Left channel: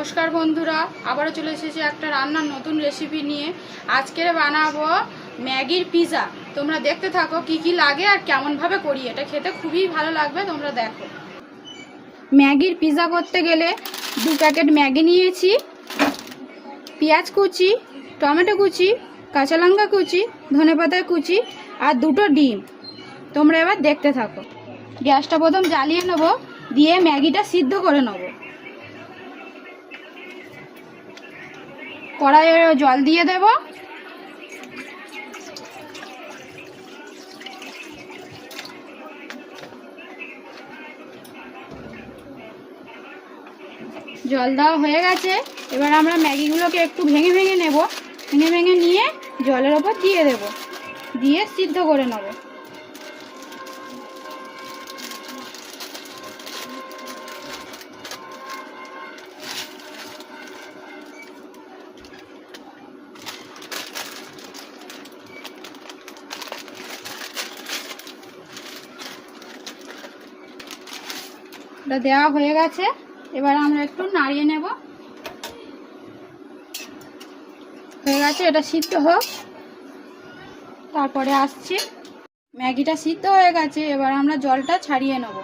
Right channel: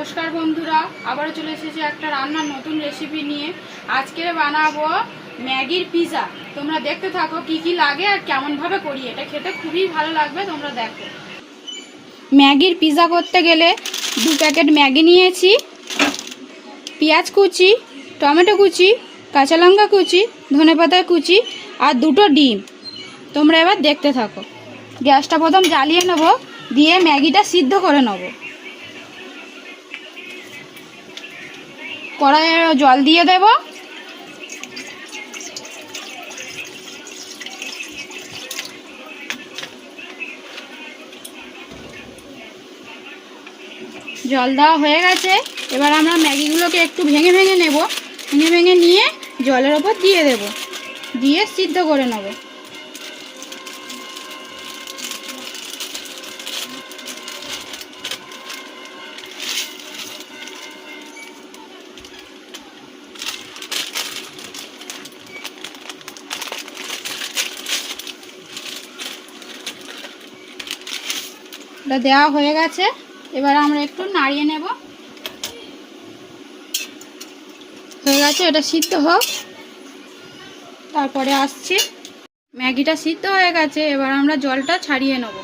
নমস্কার বন্ধুরা, আবারও চলে এসেছি একটা রান্নার নতুন রেসিপি নিয়ে। আজকে বানাবো ম্যাগির পিৎজা তোমরা দেখতে থাকো কি কি লাগে আর কেমনভাবে করি। এটা খেতে খুবই ভালো লাগবে, তোমরা দেখো। ম্যাগির পিৎজা করতে গেলে দু প্যাকেট ম্যাগি নিয়েছি, পেঁয়াজ কুচি, টমেটো কুচি, কাঁচা লঙ্কা কুচি ধনেপাতা কুচি আর দুটো ডিম। তোমরা এবার দেখতে থাকো। গ্যাসটা প্রথম জ্বালিয়ে নেব, দিয়ে ম্যাগিটা সিদ্ধ করে নেব। কড়াইয়ে জল দিয়ে দেব। জল দেওয়া হয়ে গেছে। এবার আমরা ম্যাগিগুলোকে একটু ভেঙে ভেঙে নেব। ভেঙে ভেঙে নিয়ে জলের ওপর দিয়ে দেব। দিয়ে সিদ্ধ করে নেব। এটা দেওয়া হয়ে গেছে। এবার আমরা একটু নাড়িয়ে নেব। হয়ে গেছে, এটা সিদ্ধ হোক। তারপরে আসছি। ম্যাগিটা সিদ্ধ হয়ে গেছে, এবার আমরা জলটা ছাড়িয়ে নেব।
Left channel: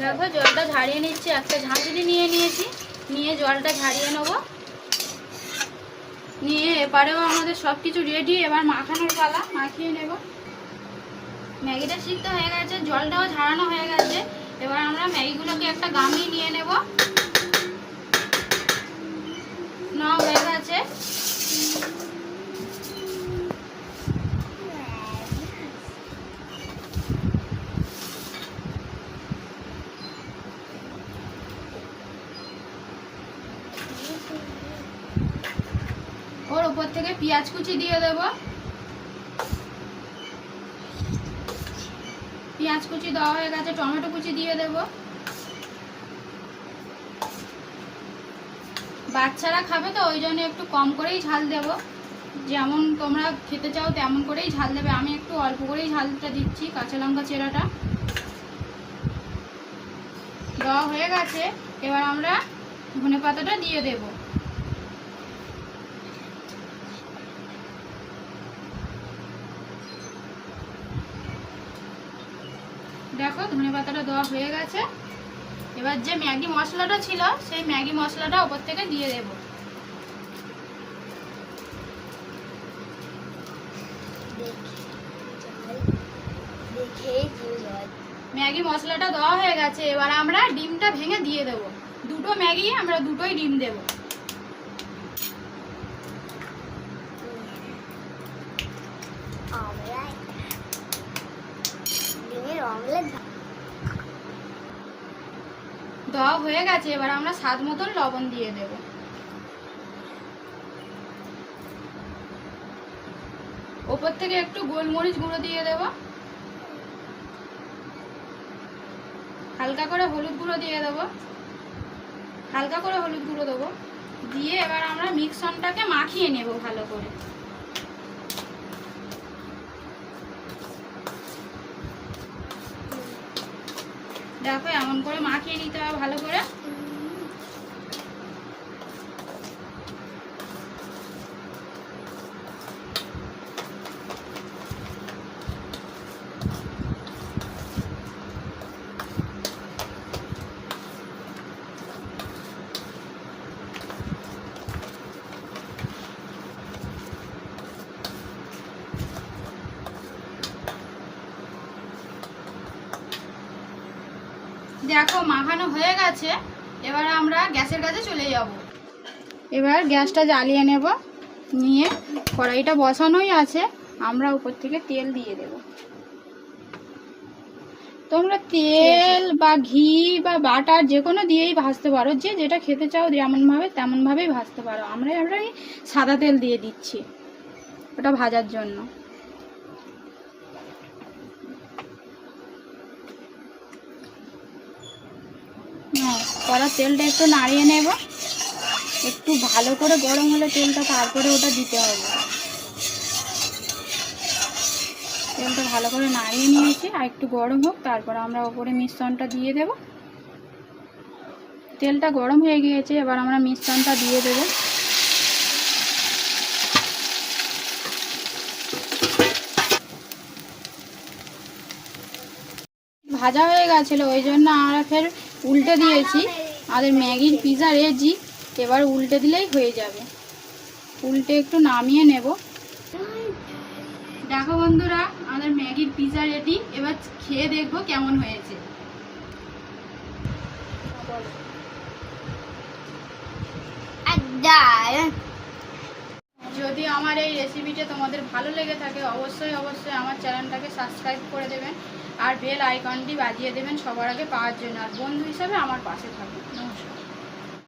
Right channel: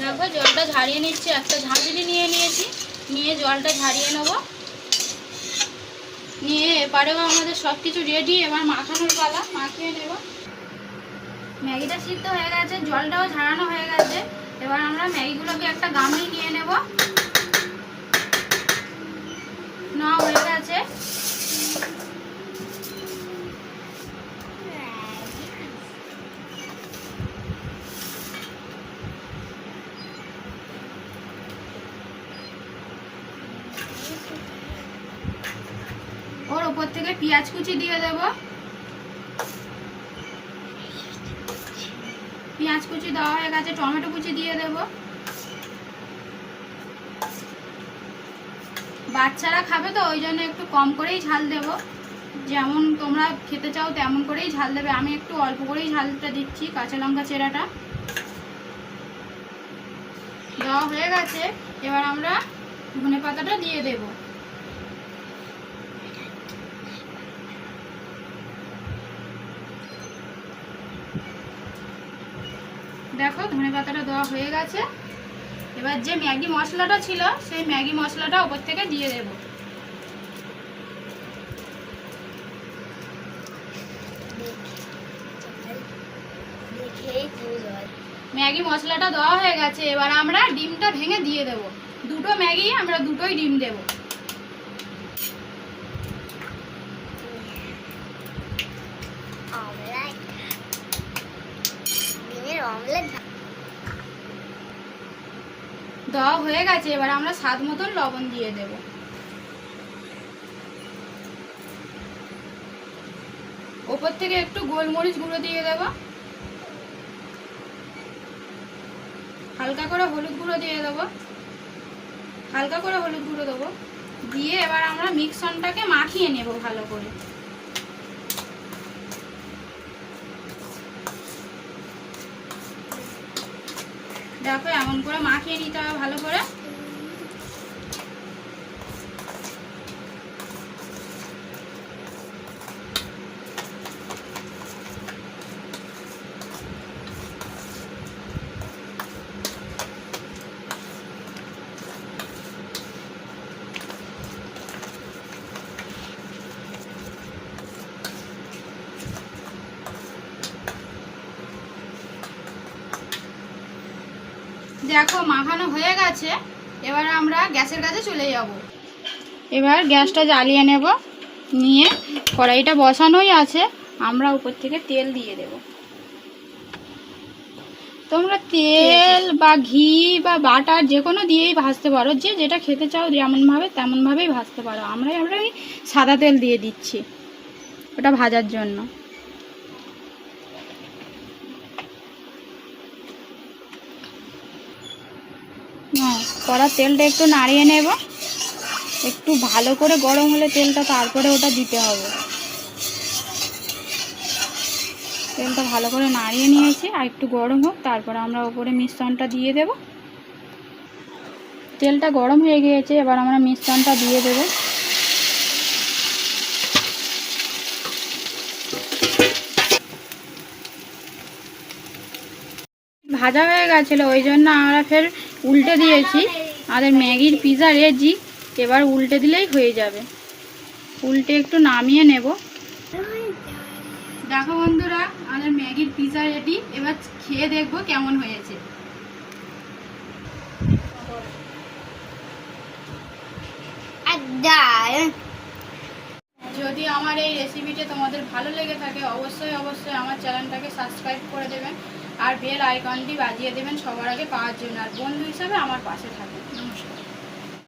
দেখো, জলটা ঝাড়িয়ে নিচ্ছি, একটা ঝাঁঝরি নিয়ে নিয়েছি। নিয়ে জলটা ঝাড়িয়ে নেব। নিয়ে এবারেও আমাদের সব কিছু রেডি এবার মাখানোর পালা, মাখিয়ে নেব। ম্যাগিটা সিদ্ধ হয়ে গেছে, জলটাও ঝাড়ানো হয়ে গেছে। এবার আমরা ম্যাগিগুলোকে একটা গামলি নিয়ে নেব। নেওয়া হয়ে গেছে। ওর উপর থেকে পেঁয়াজ কুচি দিয়ে দেব। পেঁয়াজ কুচি দেওয়া হয়ে গেছে, টমেটো কুচি দিয়ে দেব। বাচ্চারা খাবে তো, ওই জন্য একটু কম করেই ঝাল দেব। যেমন তোমরা খেতে চাও তেমন করেই ঝাল দেবে। আমি একটু অল্প করেই ঝালটা দিচ্ছি, কাঁচা লঙ্কা চেরাটা। দেওয়া হয়ে গেছে, এবার আমরা ধনে পাতাটা দিয়ে দেবো। দেখো, ধনে পাতাটা দেওয়া হয়ে গেছে। এবার যে ম্যাগি মশলাটা ছিল, সেই ম্যাগি মশলাটা ওপর থেকে দিয়ে দেব। ম্যাগি মশলাটা দেওয়া হয়ে গেছে, এবার আমরা ডিমটা ভেঙে দিয়ে দেব। দুটো ম্যাগি, আমরা দুটোই ডিম দেব। দেওয়া হয়ে গেছে, এবার আমরা স্বাদ মতন লবণ দিয়ে দেব। ওপর থেকে একটু গোলমরিচ গুঁড়ো দিয়ে দেব। হালকা করে হলুদ গুঁড়ো দিয়ে দেবো। হালকা করে হলুদ গুঁড়ো দেবো। দিয়ে এবার আমরা মিক্সনটাকে মাখিয়ে নেব ভালো করে। দেখো এমন করে মাখিয়ে নিতে হবে ভালো করে। দেখো, মাখানো হয়ে গেছে। এবার আমরা গ্যাসের কাছে চলে যাব। এবার গ্যাসটা জ্বালিয়ে নেব। নিয়ে কড়াইটা বসানোই আছে। আমরা উপর থেকে তেল দিয়ে দেব। তোমরা তেল বা ঘি বা বাটার যে কোনো দিয়েই ভাজতে পারো। যে যেটা খেতে চাও যেমনভাবে, তেমনভাবেই ভাজতে পারো। আমরা এই সাদা তেল দিয়ে দিচ্ছি। ওটা ভাজার জন্য। কড়া তেলটা একটু নাড়িয়ে নেব। একটু ভালো করে গরম হলে তেলটা তারপরে ওটা দিতে হবে। তেলটা ভালো করে নাড়িয়ে নিয়েছি, আর একটু গরম হোক, তারপরে আমরা ওপরে মিশ্রণটা দিয়ে দেব। তেলটা গরম হয়ে গিয়েছে, এবার আমরা মিশ্রণটা দিয়ে দেবো। ভাজা হয়ে গেছিল, ওই জন্য আমরা ফের উল্টে দিয়েছি। আমাদের ম্যাগির পিজা রেজি এবার উল্টে দিলেই হয়ে যাবে। উল্টে একটু নামিয়ে নেব। দেখো বন্ধুরা, আমাদের ম্যাগির পিজা রেডি। এবার খেয়ে দেখব কেমন হয়েছে। যদি আমার এই রেসিপিটি তোমাদের ভালো লেগে থাকে, অবশ্যই অবশ্যই আমার চ্যানেলটাকে সাবস্ক্রাইব করে দেবেন আর বেল আইকনটি বাজিয়ে দেবেন সবার আগে পাওয়ার জন্য। আর বন্ধু হিসাবে আমার পাশে থাকবেন। নমস্কার।